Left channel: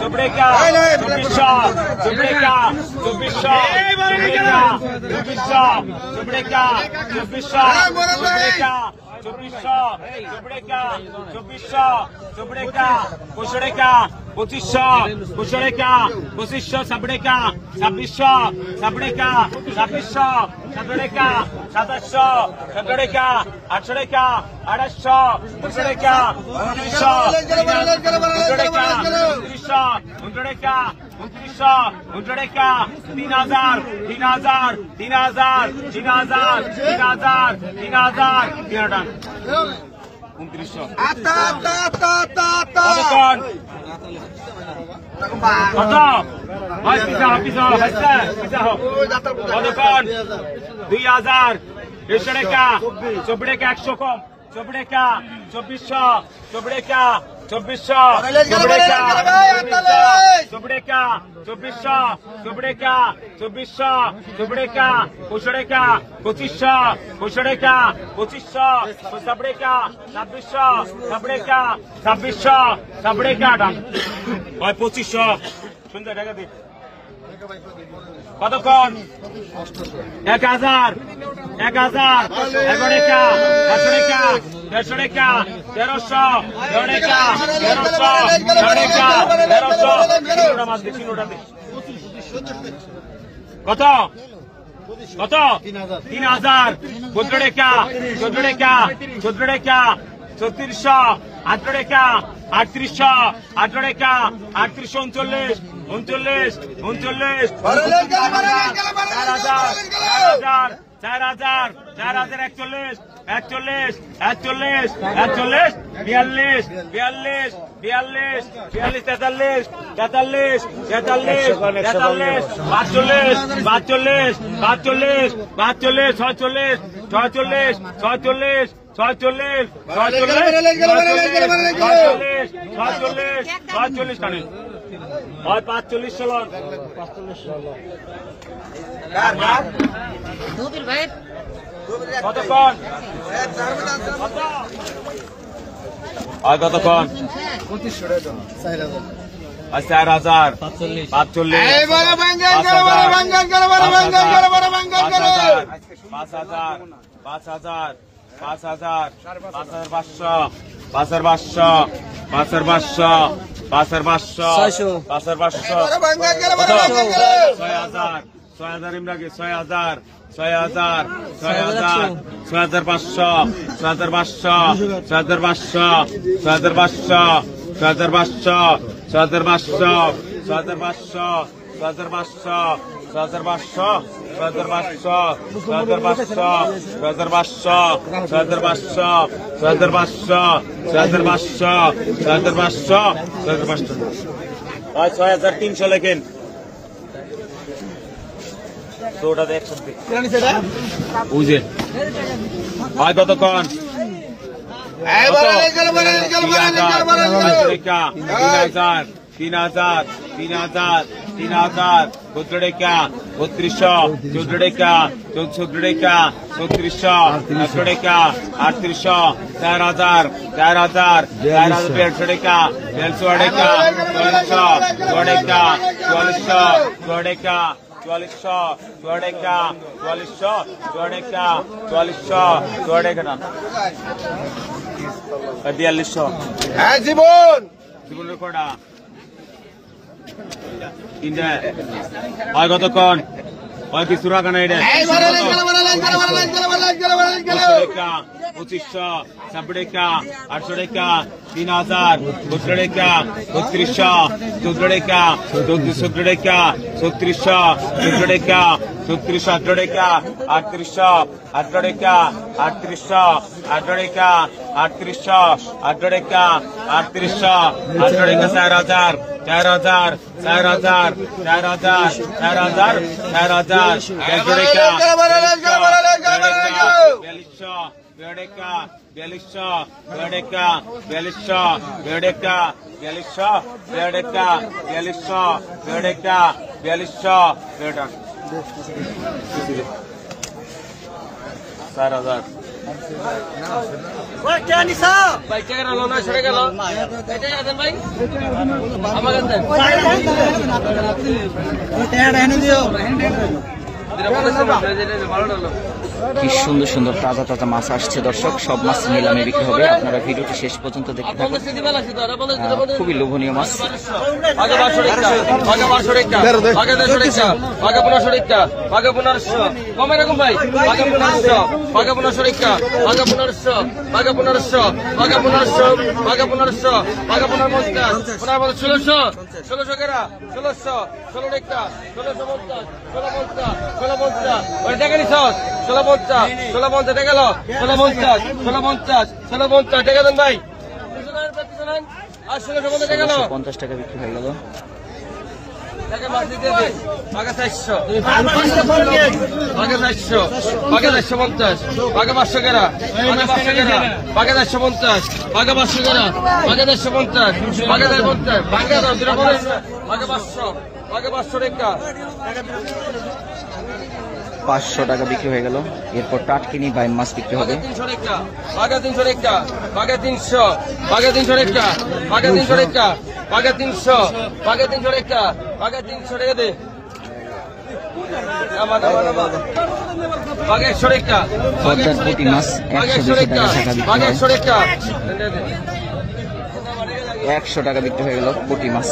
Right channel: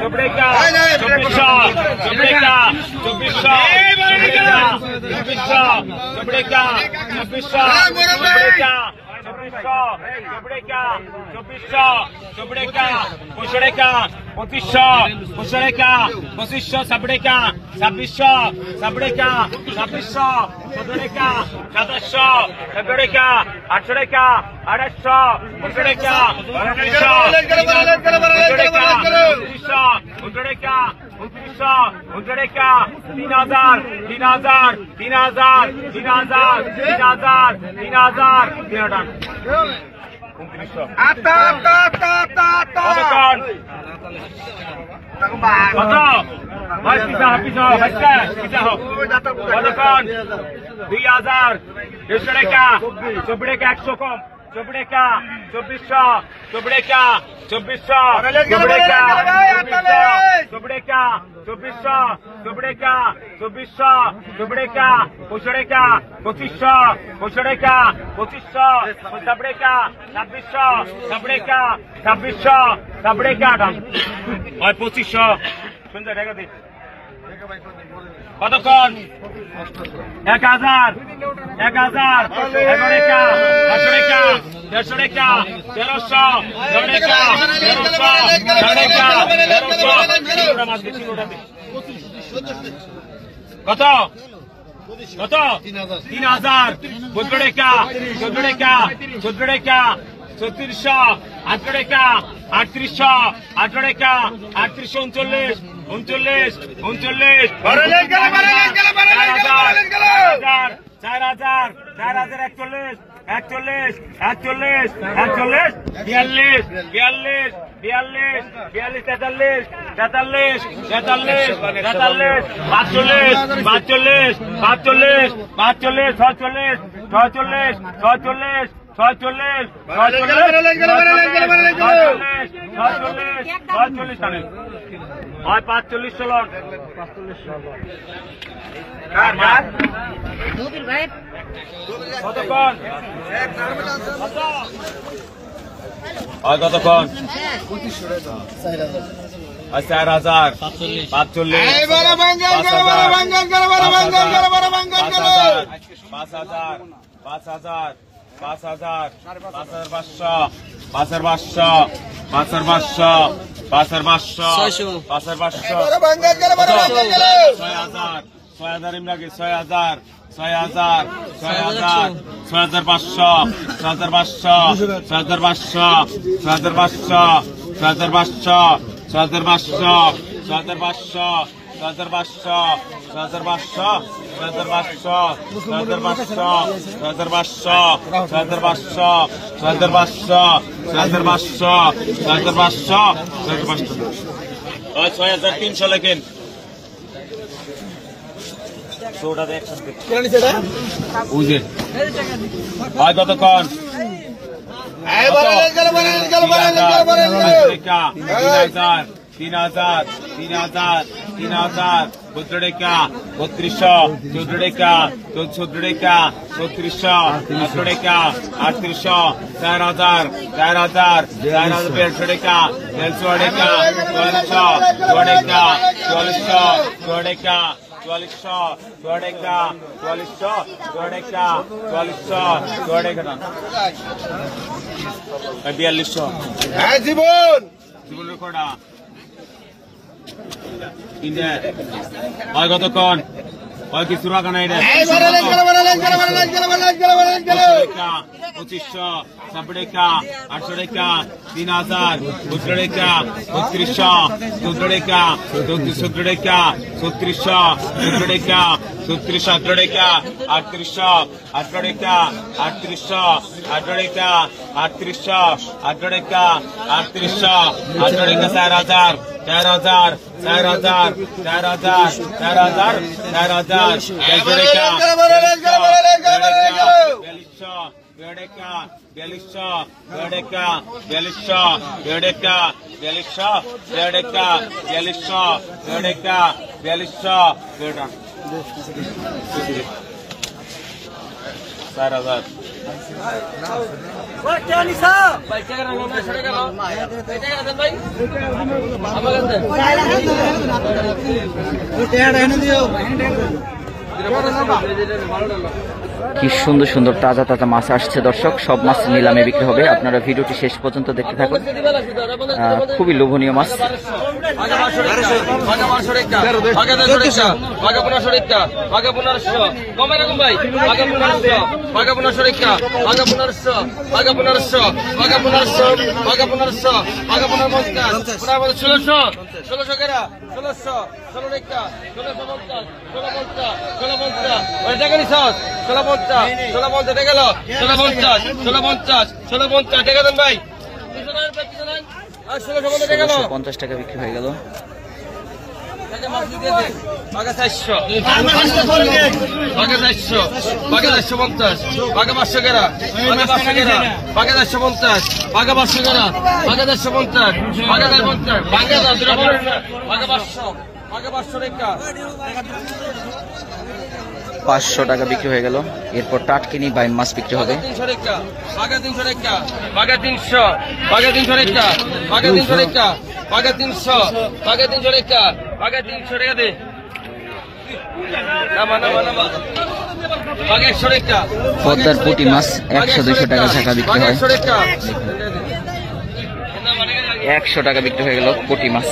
চব্রেকা 2400 চব্রেকা 2400 চব্রেকা 2400 চব্রেকা চব্রেকা 2400 চব্রেকা 2500 চব্রেকা 2500 সাবরেকা 2600 সাবরেকা 2600 সাবরেকা 2700 সাবরেকা 800 800 চব্রেকা 100 কম চব্রেকা 2400 চব্রেকা 2400 চব্রেকা 2400 চব্রেকা 2400 চব্রেকা 2500 চব্রেকা 2600 চব্রেকা 2600 চব্রেকা 2500 সুন্দর টাকা দিন কতক্ষণ 1000 1100 11রেখা 10রেখা 1300 13রেখা 1300 কত কত 3000 14রেখা 14রেখা 3600 18রেখা 3800 38 39 45 চলন কতক্ষণ কতক্ষণ 4000 45 5000 6000 ইমরাকি 6000 6300 লেখেন বুঝে হয় কতক্ষণ 3000 চৌদ্রেকা 3200 চৌদ্রেকা 34রেখা 3600 18রেখা 3800 4000 4300রেখা 4300রেখা 4400 4400 জীবন রেকর্ডা কতক্ষণ কিছু রাখা নাই 2500 সাবরেকা 800রেখা 3000 14রেখা 3200 14রেখা 14রেখা 3600 14রেখা 18রেখা 3800 18রেখা 3800 18রেখা 3800 18রেখা 3800 18রেখা 4000 4000 4000 কি সুন্দর সুন্দর তাজা তাজা মাছ আসছে দর্শক, সব মাছ নিলামে বিক্রি হবে। আপনারা ভিডিওটি শেষ পর্যন্ত দেখতে থাকুন, খুবই লোভনীয় মাছ। ভাই 150 টাকা বিক্রি হয়ে গেল। পাঁচশো টাকা বিক্রি হয়ে গেল। এরপর টাটকিনি বাইম মাছ বিক্রি হবে। 300 টাকা, বাঘা 300 টাকা, বাঘা 300, বাঘা 300 টাকা, বাঘা 300 টাকা, বাঘা 300, বাঘা 300 টাকা, বাঘা 300 টাকা দে। নামা নামা নামা, বাঘা 100 টাকা। পদ্মার পুঁটি মাছ 100-200 টাকা ছাকা বিক্রি হয়। 100 টাকা, 100 টাকা বিক্রি হয়ে গেল পুঁটি মাছ।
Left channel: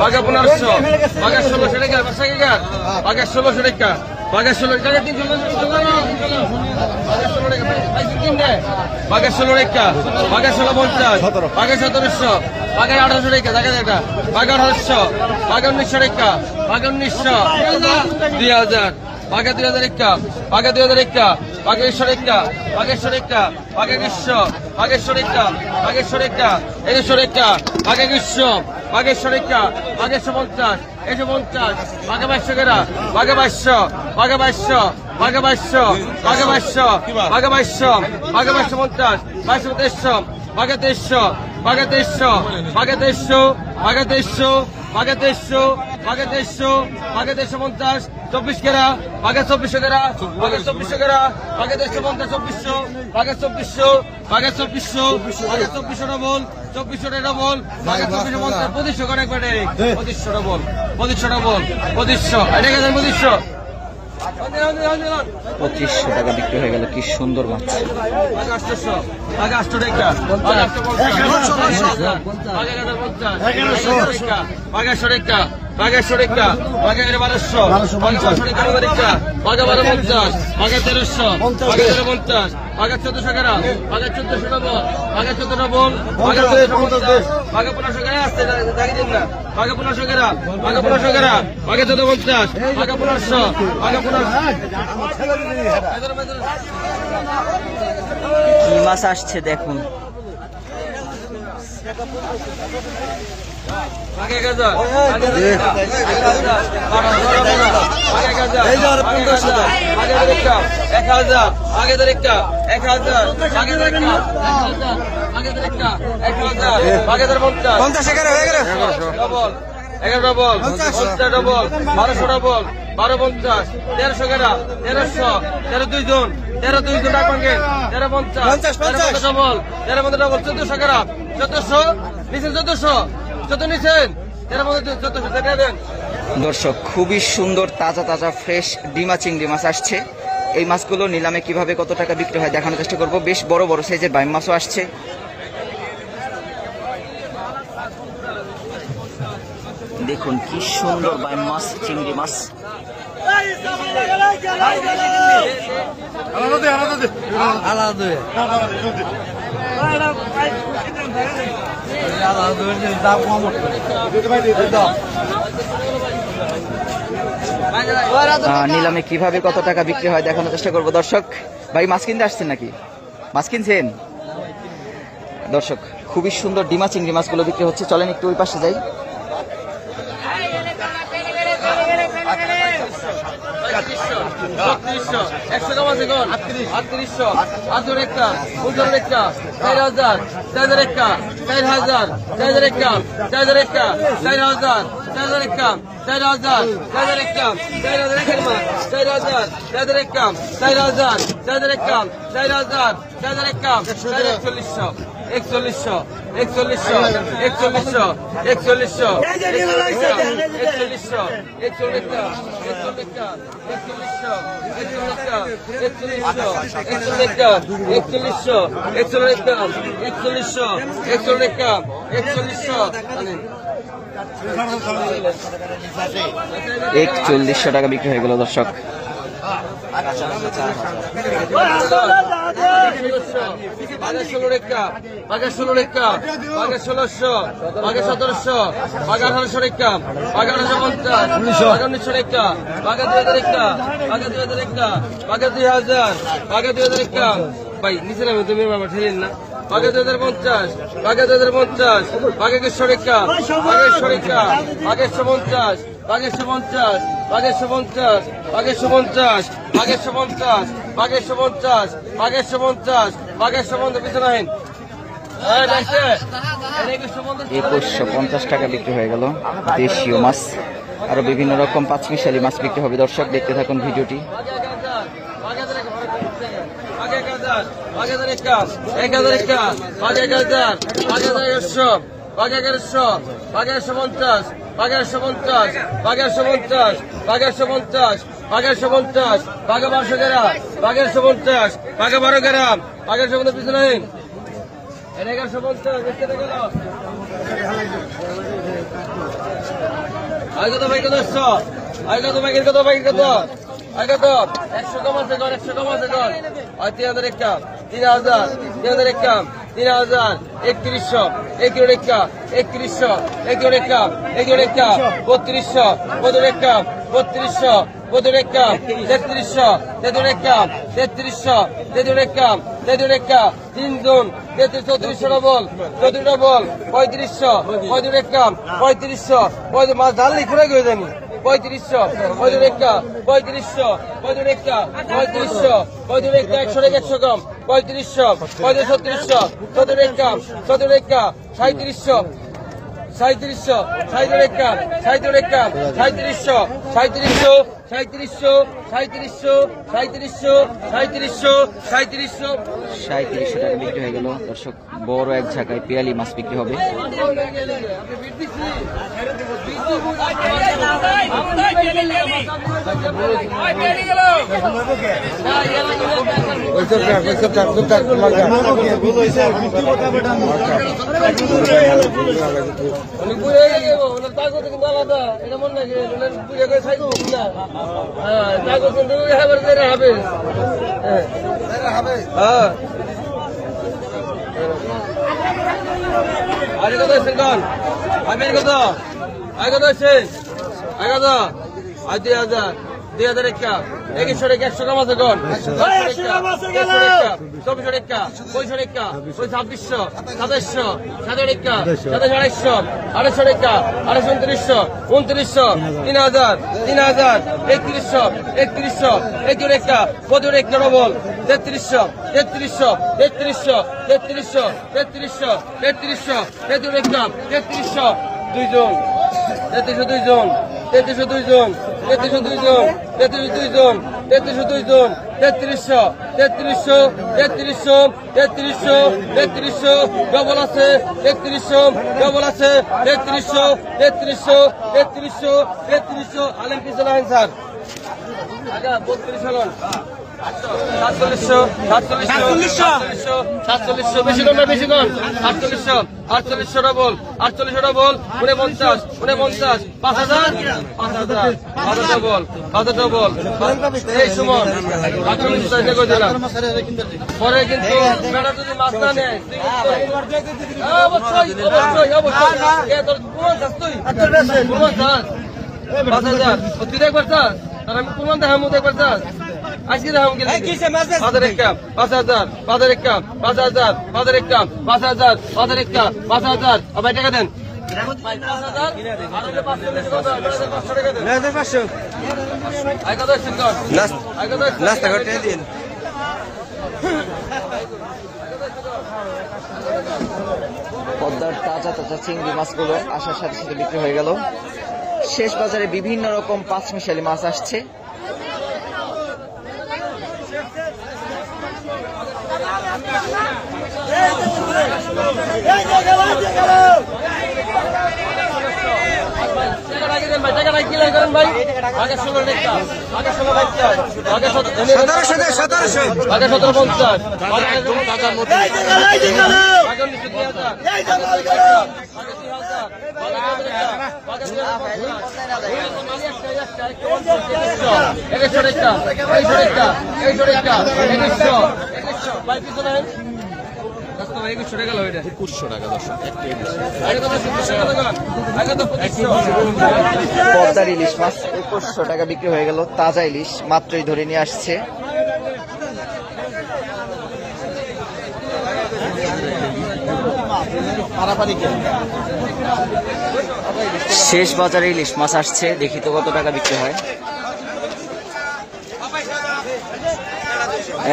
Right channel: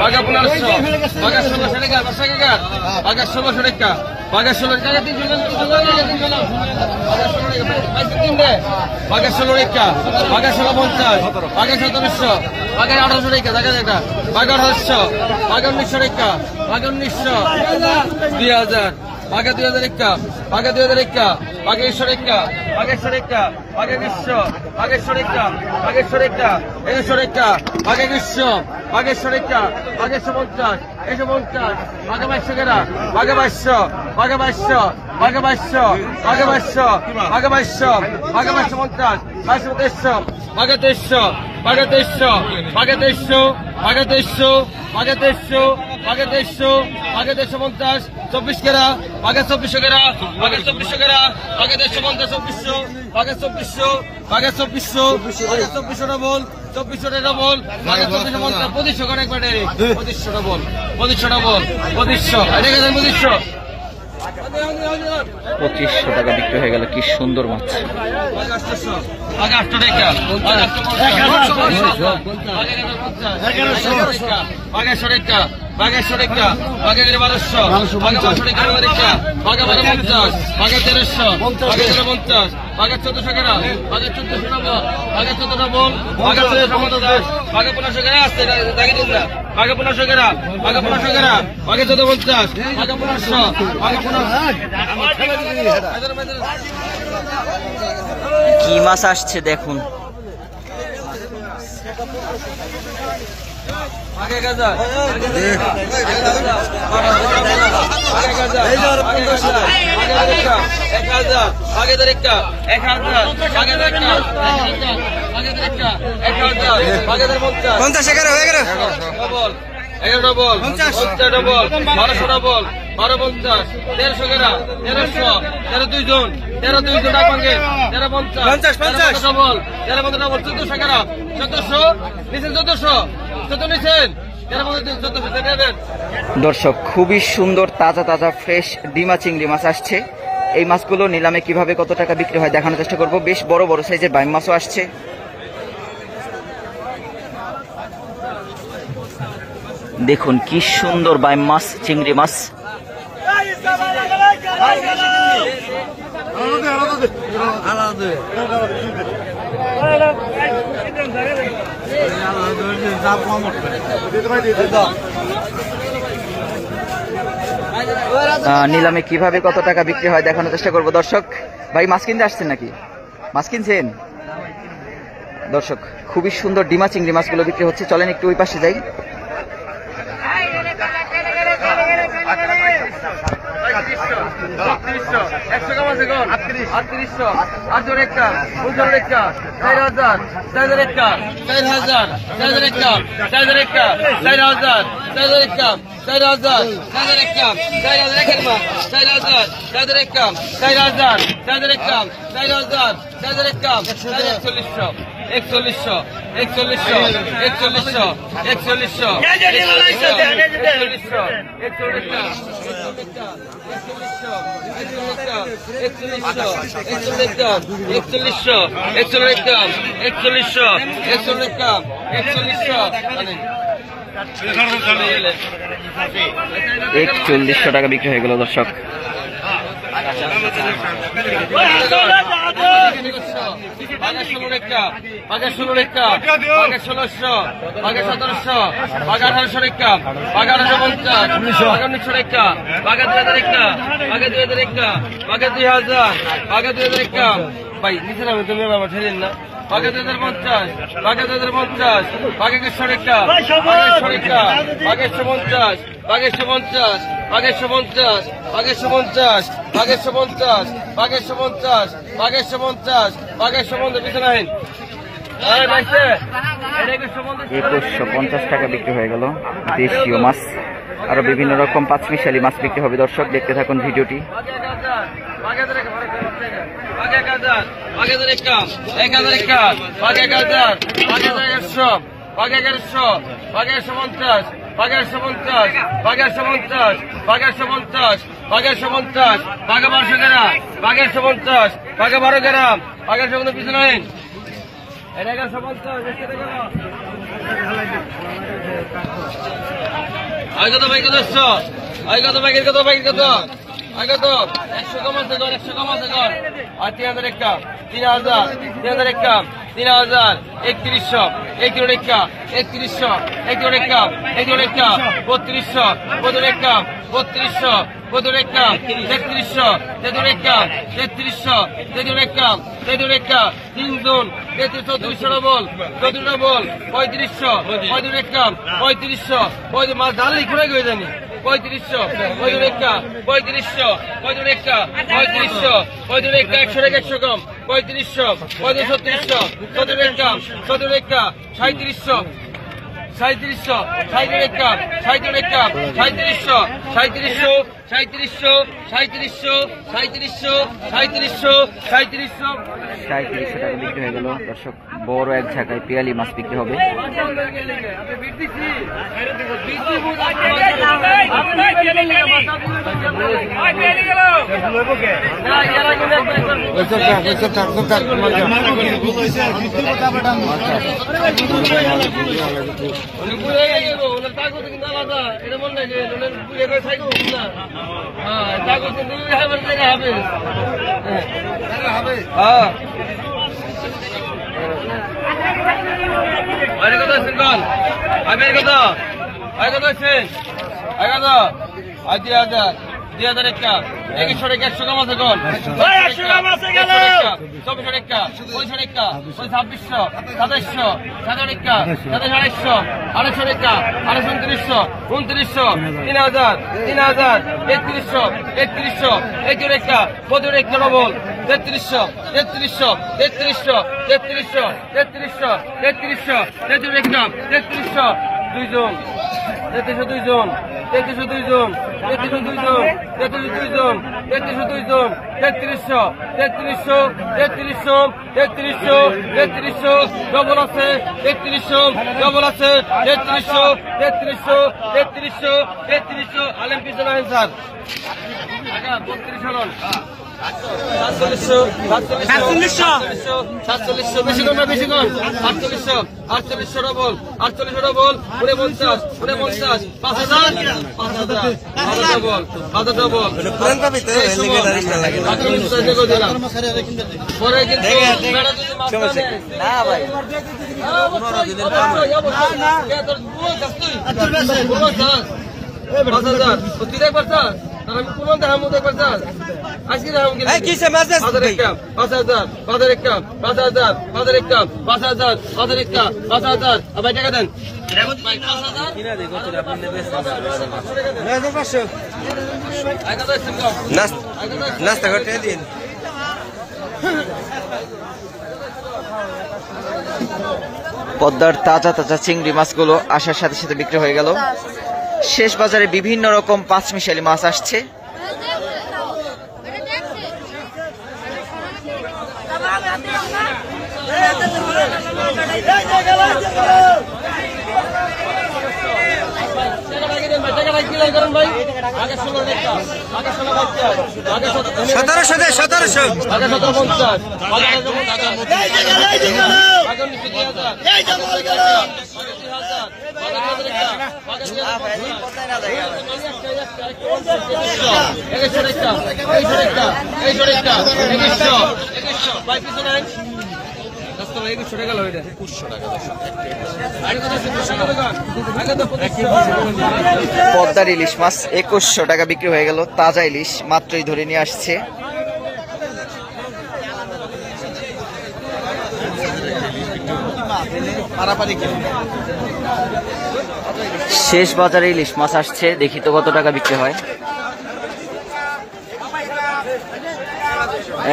বাঘা 1500, বাঘা 1600 টাকা, বাঘা 1600 টাকা, বাঘা 16 টাকা, 300 বাঘা 16 টাকা, বাঘা 1650, বাঘা 1700, বাঘা 1800 টাকা, দেখা বাঘা 1800, বাঘা 1900 টাকা, বাঘা 1900, 2000, বাঘা 2000 টাকা, বাঘা 2000 টাকা, বাঘা 100 টাকা, বাঘা 100 টাকা, বাঘা 100, বাঘা 100 টাকা, বাঘা 100 টাকা, 100 টাকা, বাঘা 100, বাঘা 100 টাকা, বাঘা 150, 150, বাঘা 2200 টাকা, বাঘা 2200, বাঘা 2200, বাঘা 2200, বাঘা 2200, বাঘা 2200, বাঘা 2250, 2200, বাঘা 2300, বাঘা 2300, বাঘা 2300, বাঘা 2300, বাঘা 2300, বাঘা 2300, বাঘা 2350, 24 কেরা, বাঘা 2400 কেরা, বাঘা 2400 কেরা, বাঘা 2350, 2400, বাঘা 2400, বাঘা 2400, বাঘা 2400 ডবল, 2400 ডবল, বাঘা 2450, 2500 করে একবার ডাইরেক্ট, 2500 ডবল, 2500 ডবল, 2500, এটা গেছে 2500। 2500 টাকা বিক্রি হয়ে গেল। কি সুন্দর মাছ। বাঘা 800, বাঘা 800 টাকা, বাঘা 850, বাঘা 50, বাঘা 100 টাকা, বাঘা 100 টাকা, বাঘা 1200, বাঘা 1200 টাকা, বাঘা 1250, বাঘা 1300, বাঘা 1350, বাঘা 1400 টাকা, বাঘা 1400 টাকা, বাঘা 14 ডবল, বাঘা 1450, বাঘা 1500 টাকা, আসতে দেখে দিন না, বাঘা 1500 টাকা, বাঘা 1500 টাকা, বাঘা 1450, বাঘা 1500, বাঘা 1500। কি মাছ আসছে দেখুন। আগে গাজা, আগে গাজা, বাড়া বাড়া বাড়া, আগে গাজা, আগে গাজা, আগে দেখটা 1000, আগে দেখটা 1000, আগে দেখটা 1000, আগে দেখটা 1000, আগে 50, 50 টাকা হয়ে গেল। ডবল, 11 ডবল, 50 ডবল, 1200 ডবল, 1250, 1300 টাকা, 1300, 13 2 জন, 13 2 জন টাকা ভাঙে, 1350, 50 ডবল, 13 ডবল, 1400 টাকা, 1400 নিছেন, 1400, 14 নিছেন, 1400 দেবেন। দর্শক, খুবই সুন্দর তাজা তাজা ফ্রেশ ডিমা চিংড়ি মাছ আসছে। এই মাছগুলো নিলামে কিভাবে কত টাকা বিক্রি হয় দেখানোর চেষ্টা করব। বেশ বড় বড় সাইজের বাইম মাছও আসছে। দেখুন কি সুন্দর বাইম মাছ, চিংড়ি মাছ। নিলামে কিভাবে কত টাকা বিক্রি হয় দেখানোর চেষ্টা করবো। দর্শক ভাই মাছ কিনতে আসছেন নাকি? মাছ কিনছেন? দর্শক খুবই সুন্দর ডিমা চিংড়ি মাছগুলো বিক্রি হচ্ছে। চলেন একটু ওই পাশে যাই। 4,000 একদম 4,000 4,000 একদম 4,000 একের মা 4,000 4,000 একদম 4,000 4,000 একদম 4,000 4,000 একদম 41,000 41,000 41,000 41,000 41,000 41,000 টাকা বিক্রি হয়ে গেল দর্শক। বাঘের 16 রেখা বাঘের 16 রেখা বাঘের 1600 বাঘের 1700 বাঘের 1800 রেখা বাঘের 1850 বাঘের 1900 রেখা বাঘের 2000 রেখা বাঘের 2000 রেখা বাঘের 2000 বাঘের 2000 রেখা ভাই নিচে নামে তুমি বাবা ঠেলেন না বাঘের 2050 বাঘের 2050 বাঘের 100 রেখা বাঘের 100 রেখা বাঘের 150 বাঘের 150 বাঘের 150 বাঘের 150 বাঘের 150 বাঘের 150 বাঘের 150 বাঘের 150 পিছনে আইন 2150 টাকা বিক্রি হয়ে গেল দেশীয় মাছ। আরো বিভিন্ন রকম পাঁচমিশালি মাছ বিক্রি হবে দর্শক, দেখতে থাকুন ভিডিওটি। কত ভাই কত 100 কত 100 কম আছে গল 100 কম আছে গল আর 3,000 একা 3,000 একা 3,000 3100 31 একা 3100 31 একা 31 একা 3200 32 একা 3200 32 একা 3300 33 একা 3300 33 একা 33 একা 3 জন 3300 বল 34 বল 3500 35 একা 3500 ওই মাছ ঢাললি ঘুরে গিয়ে জানি 3500 35 একা 3500 35 একা 3500 35 একা 100 টাকা 100 কম 3500 3700 17 একা 17 একা 3700 3700 37 একা 37 একা 3700 3700 3700 3700 3700 3700 3700 টাকা বিক্রি হয়ে গেল দর্শক। বড় এক ঝাঁকায় পিয়ালি মাছ বিক্রি হবে। আরে কত আছেন কল আমি কত আরে কত আছেন আরে কত আর 2,000 2,000 একা 2100 টাকা 100 কম আছে কল 100 কম আছে গেল 2400 টাকা 2500 টাকা 2600 2700 27 টাকা 2700 2800 টাকা 2800 2900 3000 3000 3100 3100 31 টাকা 32 টাকা ডবল 3300 3300 3300 3300 3300 3300 33 টাকা 3300 দুইজন 3302 জন 3302 জন 3302 জন 3302 জন 3302 জন 3300 3300 3300 3300 3300 ডবল আছে 3300 ডবল আছে 3300 3300 3300 3300 আলেম পিছনে আইন স্যার আগা 32 হলন 4700 বেশি কোন বেশি কোন 4800 ডবল 4800 ডবল 49 5000 5000 ডবল এই সময় 4800 করে দিলাম পরে কিন্তু মেলা যদি মাছ না নেয় অবশ্যই কে তোর কোন চাস তুই কোন চাস 5000 তুই দেখবার চাস আর আমি কোন দেখাম দেখবার চাস আজকে দেখাম কি 5000 একটা 5000 5000 একটা 5000 5000 একটা 5000 5000 একটা 5000 আর ভাই টাকা দেন ভাই 5000 নাস্তা করতে দিন। পদ্মার তাজা তাজা চিংড়ি মাছগুলো আসার সাথে সাথে বিক্রি হয়ে গেল। শেষ বাজারে বিভিন্ন রকম পাঁচমিশালি মাছ আসছে। পদ্মার ইলিশ মাছ 2100 টাকা বিক্রি হয়ে গেল। তাজা ইলিশ মাত্রই ধরে নিয়ে আসছে। শেষ বাজারে ইলিশ মাছ আসছে, দেখি তো কত টাকা বিক্রি হয়।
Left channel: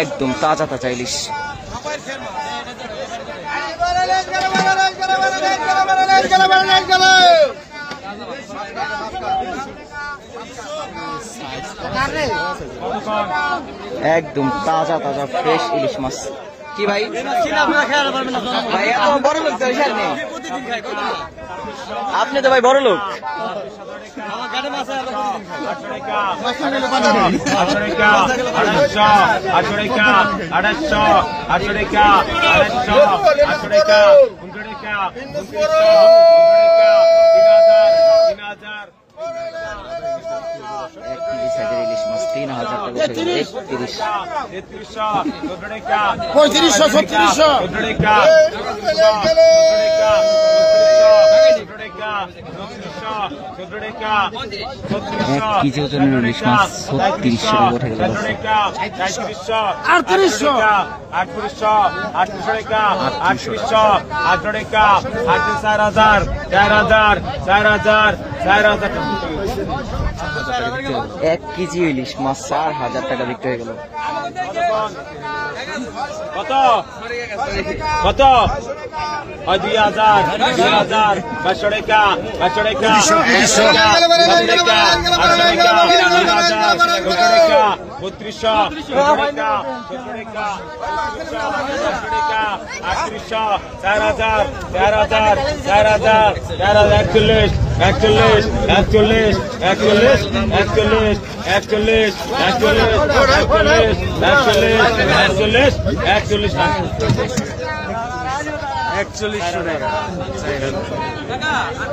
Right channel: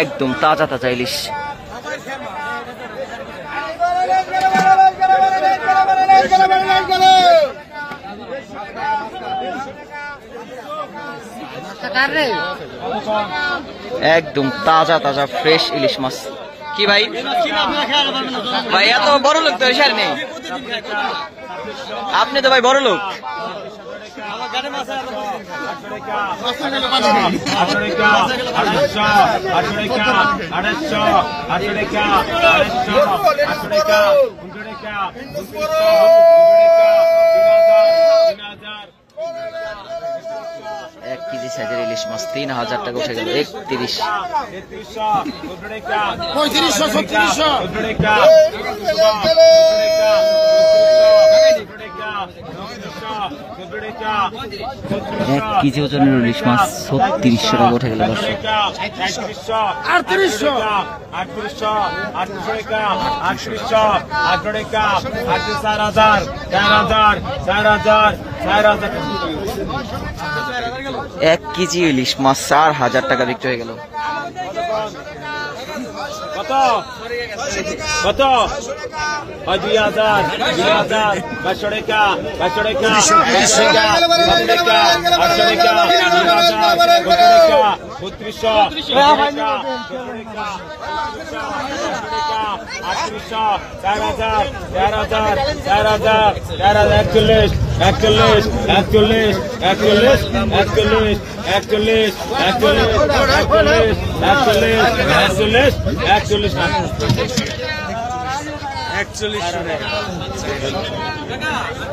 একদম তাজা তাজা ইলিশ। একদম তাজা তাজা ফ্রেশ ইলিশ মাছ। কি ভাই ভাই এত বড় লোক তো এসার নেই, আপনি তো ভাই বড় লোক। এক কেজি সাইজের ইলিশ মাছ 3000 টাকা উঠে গেল। 31, 1 কেজি ওজনের ইলিশ মাছ 3600 টাকা উঠে গেল। 1 কেজি ইলিশ মাছ 4000 টাকা বিক্রি হয়ে গেল। কত কত 2000 2000 বাছড়েকা বাছড়েকা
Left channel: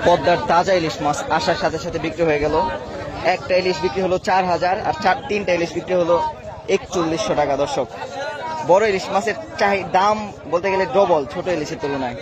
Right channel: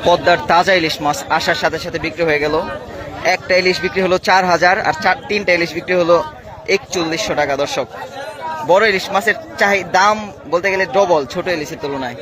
পদ্মার তাজা ইলিশ মাছ আসার সাথে সাথে বিক্রি হয়ে গেল। একটা ইলিশ বিক্রি হলো 4000 আর 3টা ইলিশ বিক্রি হলো 4100 টাকা। দর্শক, বড় ইলিশ মাছের দাম বলতে গেলে ডবল ছোট ইলিশের তুলনায়।